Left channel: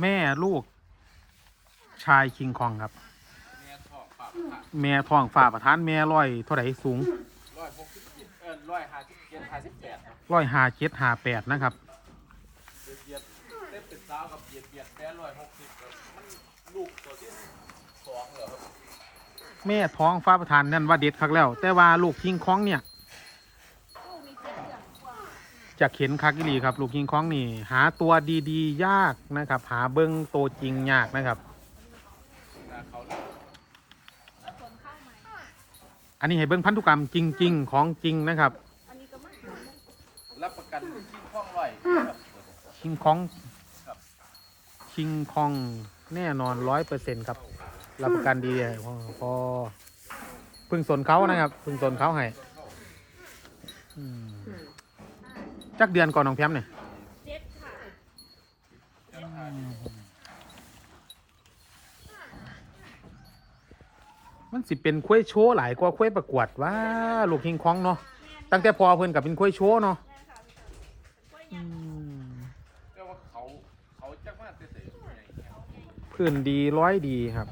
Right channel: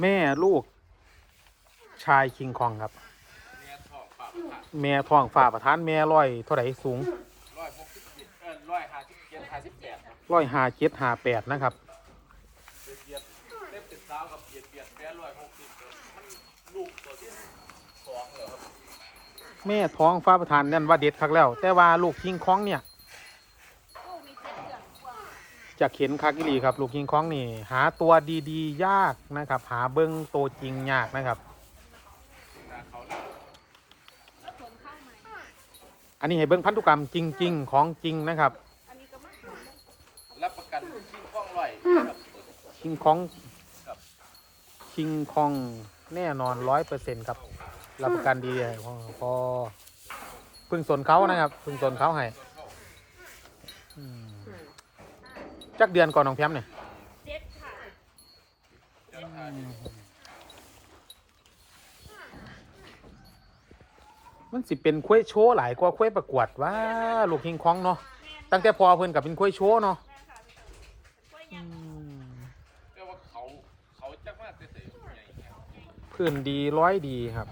แม่ลูก ชายคิงคองครับแม่ทองปากแม่ทองฝ่าประธานแม่ร้อยเท่าไหร่สูงร้อยหกสิบเออร้อยห้าสิบเจ็ดห้าสิบแปดร้อยห้าเจ็ดห้าแปดนะครับเบียดเล็บเป็นสาวกับเบียดเบียดแค่ร้อยหกสิบครับลูกตัวเดียวสองเหรอครับนี่ท้องฟ้าประธานนั่นว่าเด็ดคักแล้ว แต่ว่าลูกคิงคองเนี่ย จะเข็นคักอีครับ ลูกคิงคองนี่ หาตัวดีๆ ยากนะครับ หาเบิ้งโตจริงยากนะครับ อันนี้ให้เบิ้งพันธุกรรมจริง ๆ ของจริงนะครับรับประกันชิ้นข้องร้อยครับคิงคองคิงคองแน่นอนร้อยเปอร์เซ็นครับรับประกันดีพอพอพึ่งสนเขานะครับ พึ่งสนเขาให้อืม จักเดือนก่อนน้องแพมเนี่ยเจ็ดค่ะมันสิเป็นคุ้ยโชว์หลายกว่าคุ้ยประกวดว่าลูกคิงคองเนาะตั้งแต่พอเพิ่นกับเป็นคุ้ยโชว์เนาะอืมเรียกว่าเขาะเนี่ยพื้นดีร้อยดีครับ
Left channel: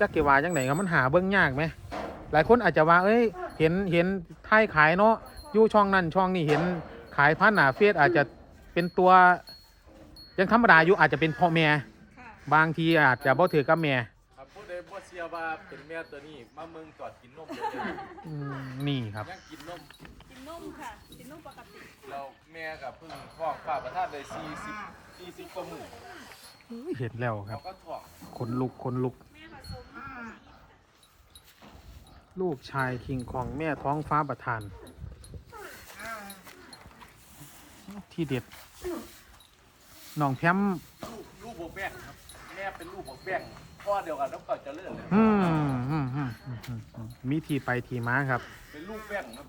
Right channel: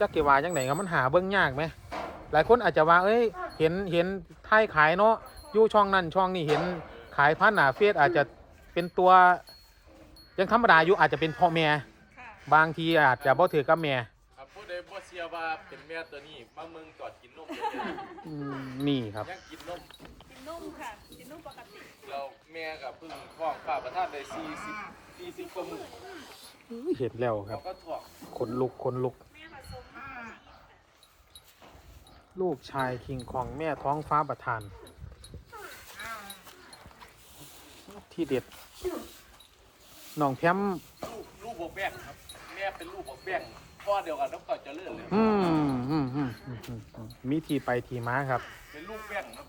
จักเกว่าจังไหนครับมันหาเบิ้องยากไหมหลายคนอาจจะว่าเอ้ยเห็นเห็นไทยขายเนาะอยู่ช่องนั้นช่องนี้เห็น ขายพันหนาเฟสอาจจะเป็นตัว ยังธรรมดาอยู่อาจจะเป็นพ่อแม่ค่ะบางทีอาจจะบ่ถือกับแม่ครับผู้ใดบ่เชื่อว่าเป็นแม่ตัวนี้มามึงก่อนกินนมนี่ครับ ยังกินนมนุ่มค่ะนุ่มปกติแล้วแม่กับเพึ่งท้องป้าประทานได้สี่สิบสี่สิบกว่ามื้อเห็นแล้วครับ ก็ท้องขนลุกขนลุก ลูกชายคิงคองแม่ท้องฟ้าประทาน ที่เด็ดน้องแพมลูกลูกบวกแป้งครับ แม่เป็นลูกบวกแป้งพ่อเดียวกันก็เจะเลื่อนเลยอืมอืมอืมอืมอืมอืมมีที่ไปที่มาครับ เป็นลูกแป้งครับ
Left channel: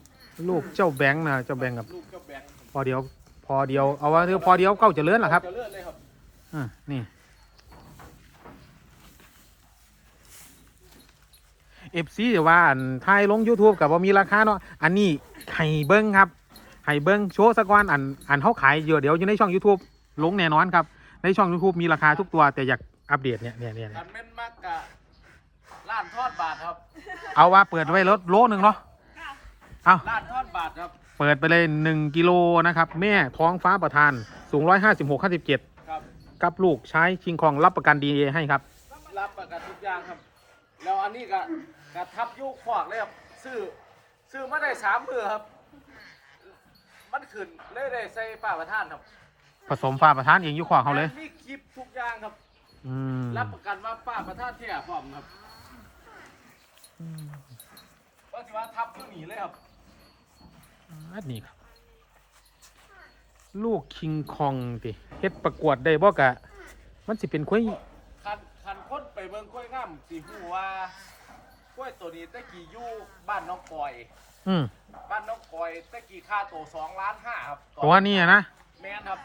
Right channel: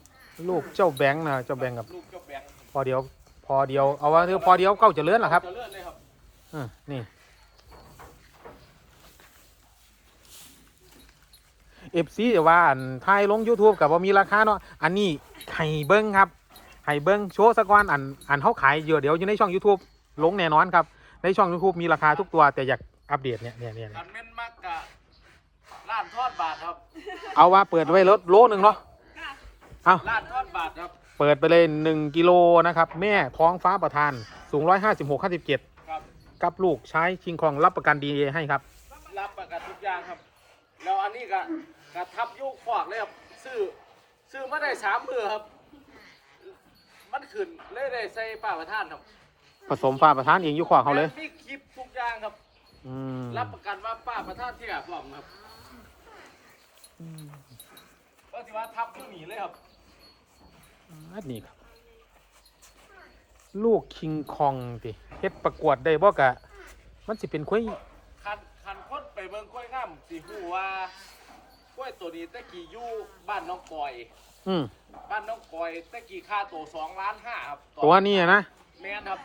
ลูกเจ้าแบงค์นะเจ้าแบงค์กับลูกเจ้าแบงค์ครับพอเดียว พอเดียว เอาว่าเธอพอเดียวเก้าเจะเลื่อนหรอครับเจะเลื่อนเลยครับอ่านี่เอฟซีจะว่าอันไทยลง YouTube กับว่ามีราคาเนาะ อันนี้ให้เบิ้งครับ ให้เบิ้งโชว์สักวันอันอันเขาขายเยอะเดี๋ยวอยู่ในช่อง YouTube ลงแน่นอนครับ ในช่อง YouTube มีราคาทุกตัวแต่อยากอัปเดตเนี่ยเนี่ยเนี่ยคันแม่นมากกะล้านทอดบาทครับเอาว่าเปิดไว้รถโลหนึ่งเนาะเอาล้านทอดบาทครับเปิดไปเลยหนึ่งกิโลนะครับ แม่ท้องฟ้าประทานสูงร้อยห้าสิบหกห้าสิบเจ็ดครับกับลูกใช้คิงคองรับประกันดีเอให้ครับ รับประกันทุกอย่างครับแล้วอันนี้ก็กระทับยุคขวากเลยครับซื้อซื้อมาได้สามมือครับมัน ขึ้นเลยได้ใส่ป้าประทานครับผสมฟ้าประทานเองอยู่ขวาเขาเลย มีคลิปทุกอย่างครับ อืมรับประกันว่าป้าประทานแท้พร้อมครับก็ถือว่าทับตัวหนีเลยครับนี่ครับลูกคิงคองติเฮ็ดประกวดได้บ่กะ มันสิเป็นคุยคันคันคนไปเบิ่งกล้วยงามสิฮู้ว่ากล้วยตัวนี้ตะกี้อยู่บ้านน้องปอย อืม บ้านน้องปอยตะกี้ค่าตัวสองล้านห้าครับตัวนี้นะแม่นครับ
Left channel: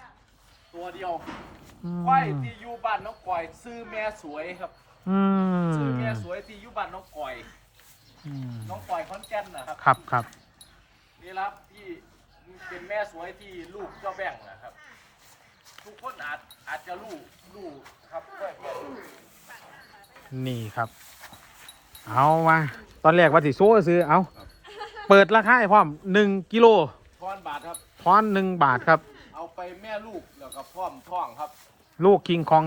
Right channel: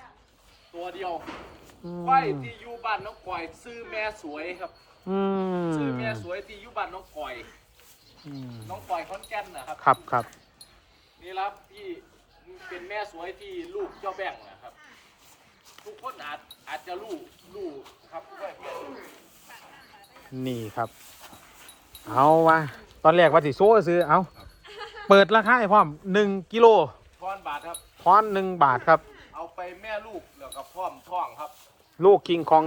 ตัวเดียวอืมควายที่อยู่บ้านน้องปอยซื้อแม่สวยครับอืมซื้อแม่สวยที่อยู่บ้านน้องปอยอืมน้องปอยขอนแก่นนะครับ ครับครับนี่ครับที่เป็นแม่สวยที่ลูกเจ้าแบ่งนะครับทุกคนอาจอาจจะรู้รู้ครับแม่แก่นี่ครับ เอาวะตอนแรกว่าสิโซ่ซื้อเอา เปิดราคาให้พร้อมหนึ่งกิโลก้อนบาทครับทอนหนึ่งบาทครับ เอาไปแม่ลูกแล้วก็พร้อมท้องครับ ลูกคิงคอง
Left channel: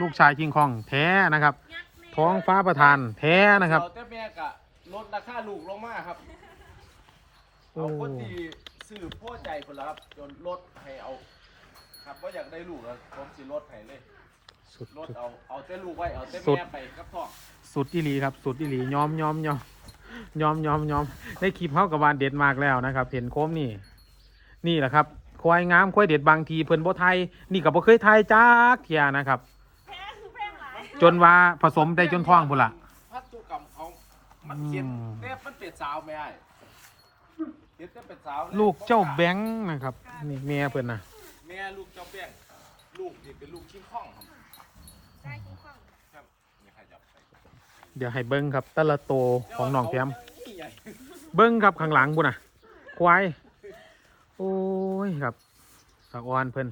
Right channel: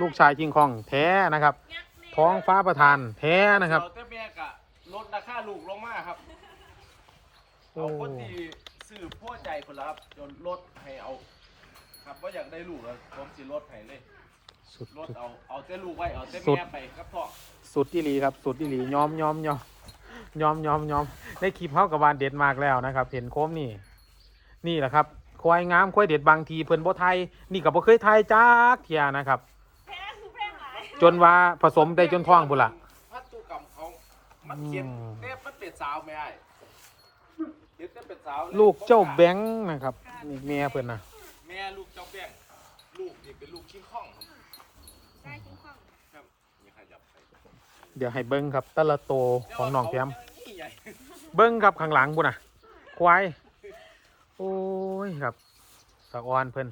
ลูกชายคิงคองแท้นะครับยักษ์แม่ท้องฟ้าประทานแท้นะครับ เอาแต่แม่กะลดราคาลูกลงมาครับโอ้ เอาคนที่ซื้อพัวใจคนละครับจนลดให้เอา ครับว่าอยากได้ลูกแล้วผมสิลดให้เลยสุด ลดเอาเอาแต่ลูกไว้เอาแต่สุดแม่ไปครับพ่อ สุดอีหลีครับ สุดอีหลียอมยอมยอม ยอมยอมยอมในคลิปเขากับวานเด็ดมากแล้วนะครับ เห็นโค้มนี่ นี่แหละครับควายงามควายเด็ดบางทีเพิ่นบ่ไทยนี่กับบ่เคยไทยจักเทียนะครับแพ้คือแพ้หลายจนว่าผสมได้จนท้องพุ่นละพัตุกรรมเขามันเขียนอืมแม่เป็นเป็ดสาวไม่ได้เดี๋ยวเป็นเป็ดสาวยลูกเจ้าแบงค์นะครับนี่แม่เพิ่นนะแม่ลูกเจ้าแป้งลูกนี่เป็นลูกคิงข้องครับไม่ค่อยจับใส่ เดี๋ยวให้เบิ้งครับแตละโตของน้องแคมนี่ใหญ่เบิ้งครับข้างหลังบุน่ะ ควาย โอ้ยครับตะออนเพิ่น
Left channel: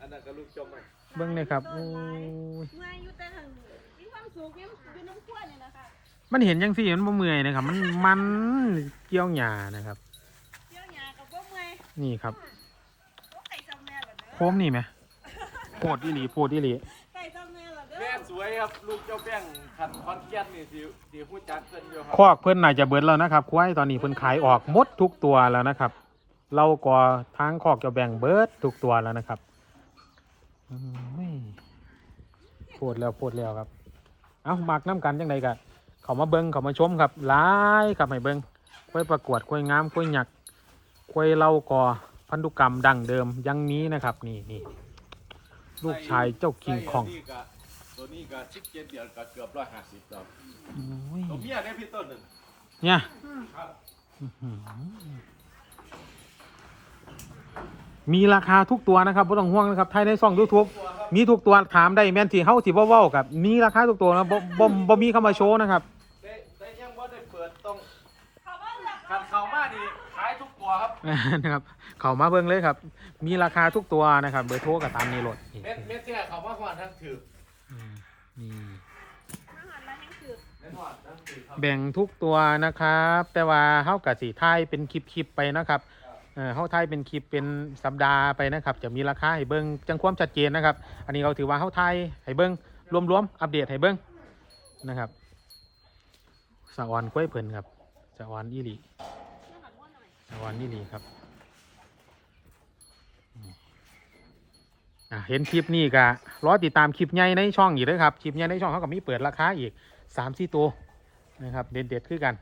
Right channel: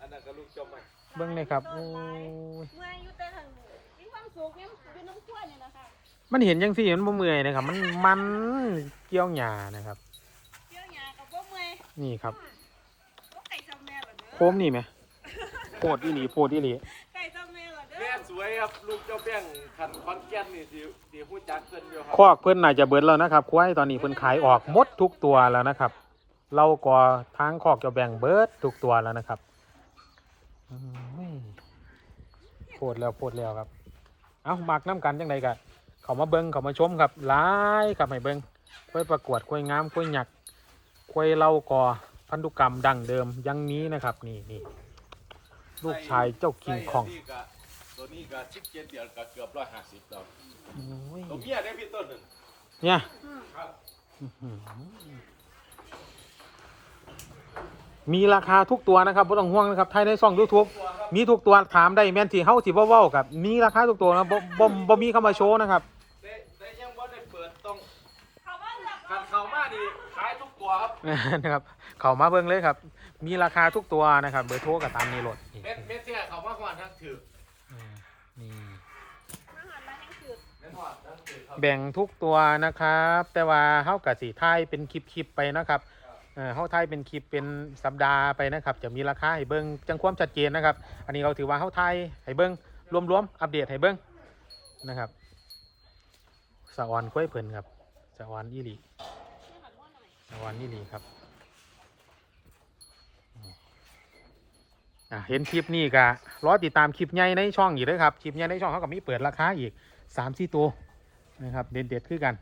อันนั้นก็ลูกเจ้าใหม่เบิ่งเลยครับโอ้ยเมื่อยอยู่แต่หันมีความสุขอยู่อยู่น้ำขั้วเนี่ยนะคะมันเห็นจังซี่มันบ่เมื่อยนะครับ มันมันเกี่ยวหญ้านะครับ เกี่ยวหญ้ากับบ่เมื่อยนี่ครับไก่เจ้าแม่เหรอเด้อโคมนี่ไหมโพดอีหลีโพดอีหลีไก่เจ้าแสวยครับลูกเจ้าแป้งขันคอนแกนนี่ดีดีผู้จัดเพื่อนอยู่ครับคอกเพิ่นน่าจะเบิดแล้วนะครับควายตอนนี้เพิ่นขายออกหมดทุกตัวแล้วนะครับ เราก็ทางคอกจะแบ่งเบิดทุกตัวแล้วนะครับอืมโพดแล้วโพดแล้วครับเอาหมักน้ำกันจังไดกะเขามาเบิ้งเขามาชมครับหลายครับให้เบิ้งควยประกวดควยงามควยหยักควยเล่าก่อพันธุกรรมดั้งเดิมยังนี้นะครับ นี่นี่ลูกชายเจ้าคิงคองนี่ก็ ตัวนี้ก็สิบเจ็ดเดือนก็เกือบร้อยห้าสิบแล้วอืมตัวเมียเนี่ยพี่ต้นน่ะเนี่ยอื้อหือมีราคาทุกตัวนะครับไม่ต้องห่วงนะครับไทยในซ่องยูทูบมีทุกตัวถามได้แม่นที่เฮาสิเว้าๆกับ มีราคาทุกตัวนะบ่บ่บ่มีเข้ามาโชว์นะครับแต่แต่ยังว่าได้เปิดต้องเขาว่าจะขันเขามาดีขายทุกตัวครับเนี่ยนะครับเขามาเบิ่งเลยครับ มีราคาทุกตัวนะครับเบอร์โทรกับตามในรถเม็ดเม็ดที่เขามาก่อนทั้งถืออืมอืมอาหารร้านยังคือเม็ดก่อนทั้งถือครับ แบ่งทุกตัวนะครับ แต่ว่าเฮากับสีไทยเป็นคลิปๆไปนะครับเออเฮาไทยเป็นคลิปเป็นสัปดาห์ไปนะครับ จะมีราคาให้เบิ่งจังความชัดเจนนะครับ อันนี้เราถือว่าเฮาไทยให้เบิ่งรวมๆอัปเดตให้เบิ่งนะครับสะออนกล้วยเพิ่นครับสะออนอีหลีเมื่อหันว่าหน่อยสะออนอีหลีครับอืมอะ เห็นคลิปนี้ก็รอติดตามคลิปใหญ่ในช่องอีกเด้อครับ คลิปใหญ่ในช่องเขาก็มีเปิดราคาอีกสามสี่ตัวนะครับเด็ดๆคือกัน